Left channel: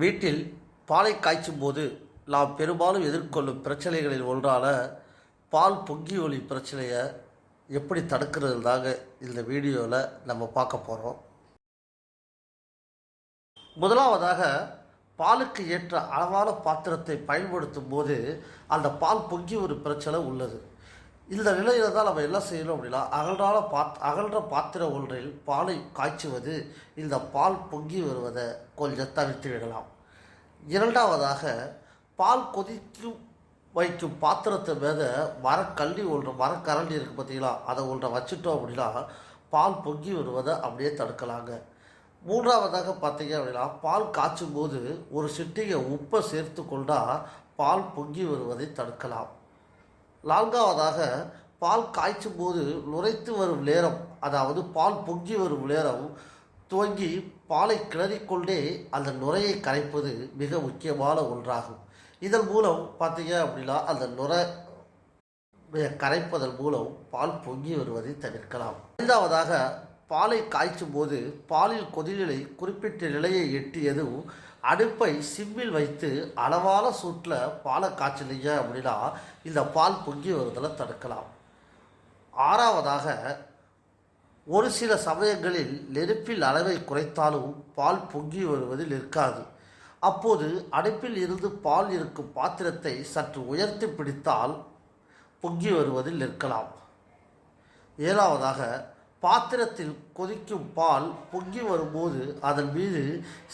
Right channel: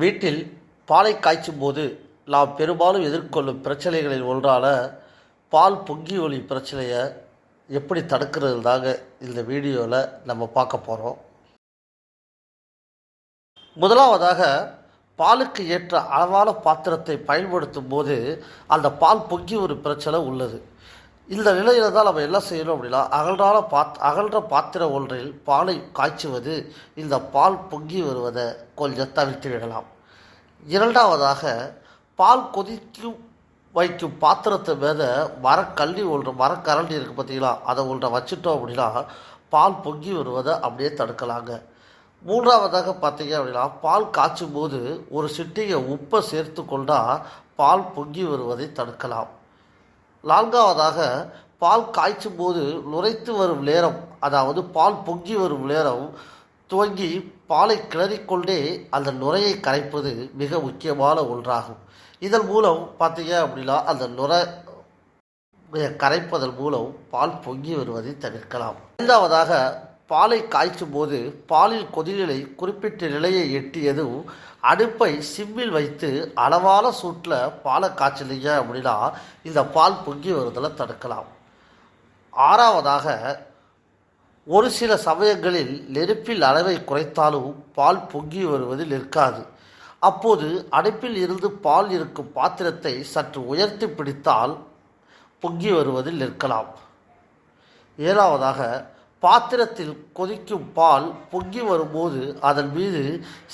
வீட்டில் பாலை காய்ச்சும் போது நாம் பெரும்பாலும் எதிர்கொள்ளும் பிரச்சனைகளில் ஒன்றான பால் பொங்கி ஒளி பிரச்சனையை எப்படி தடுக்கிறது தாங்க இந்த வீடியோவில் நம்ம பார்க்க போகிறோம் முதலாவதாக பாலுக்கு ஏற்ற அளவான பாத்திரத்தை பயன்படுத்தும் போது அந்த பால் பொங்கி ஒரு பிரச்சனை உள்ளது. இந்த நிலையில் தான் நம்ம என்ன செய்யணும் அப்படின்னா அகன்றான பாத் அகன்ற பாத்திரம் ஒன்றில் பாலை காய்ச்சுவது இந்த பால் பொங்கி வருவதை கொஞ்சம் தவிர்த்து விடலாம். இரண்டாவதாக பால் கொதிக்கும் வைக்கும் பாத்திரத்தை மேலே மரக்கல்லி ஒன்று மரக்கரண்டி இருக்குது பார்த்தீங்களா அதை ஒன்றை வச்சுட்டோம் அப்படின்னா பால் பொங்கி வருவதை அப்படியே தடுக்கலாங்க. மூன்றாவதாக பார்த்தீங்க அப்படின்னா பால் காய்ச்சும் போது ஒரு சிட்டிகை உப்பை சேர்த்து கொண்டால் பால் பொங்கி வருவதை தடுக்கலாம். நான்காவதாக பால் காய்ச்சும் போது நுரைத்து வரும் நேரம் அதாவது பால் பொங்கி வரும் நேரம் துவங்கி பாலை கிளறிக்கொண்டே அந்த நுரையை கரைப்பது மிக முக்கியமான ஒன்றாகும். இதன் மூலம் பார்த்தீங்க அப்படின்னா அந்த நுரை கரைப்பதன் மூலம் பால் பொங்கி வருவதை தவிர்க்கலாம். ஐந்தாவதாக பாலை காய்ச்சும் போது பாலில் கொதிநிலை குறிப்பிட்ட நிலையை எட்டியதும் அடுப்பை சிம்மில் வைத்து அளவான சூட்டில் பாலை காய்ச்சலீங்க அப்படின்னா இந்த பால் பொங்கி வருதலை தடுக்கலாம். ஆறாவதாக ஒரு சில சமயங்களில் நெருப்பில் அளவை குறைத்தாலும் பால் பொங்கி வருவது நிற்காது. அப்போது அடுப்பில் இருந்து பால் இருக்கும் பாத்திரத்தை சற்று உயர்த்தி பிடித்தால் பொங்கி வருவதில் நிற்கலாம். ஏழாவதாக பாத்திரத்தில் கொதிக்கும் பால் பொங்கி வரும்போது அதன் மீது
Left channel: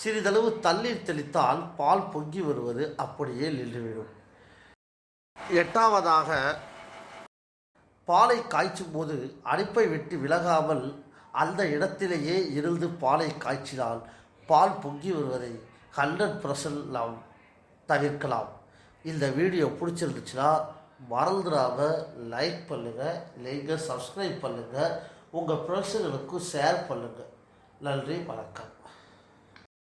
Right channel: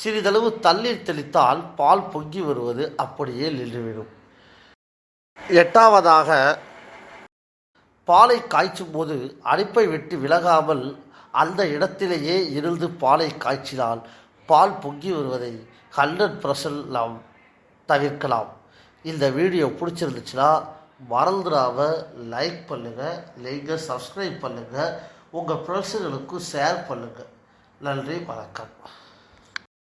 சிறிதளவு தண்ணீர் தெளித்தால் பால் பொங்கி வருவது அப்படியே நின்றுவிடும். எட்டாவதாக பாலை காய்ச்சும் போது அடுப்பை விட்டு விலகாமல் அந்த இடத்திலேயே இருந்து பாலை காய்ச்சினால் பால் பொங்கி வருவதை ஹண்ட்ரட் பர்சன்ட் நாம் தவிர்க்கலாம். இந்த வீடியோ பிடிச்சிருந்துச்சுன்னா மறந்துடாம லைக் பண்ணுங்கள் நீங்கள் சப்ஸ்கிரைப் பண்ணுங்கள் உங்கள் ஃப்ரெண்ட்ஸுகளுக்கும் ஷேர் பண்ணுங்கள் நன்றி வணக்கம்.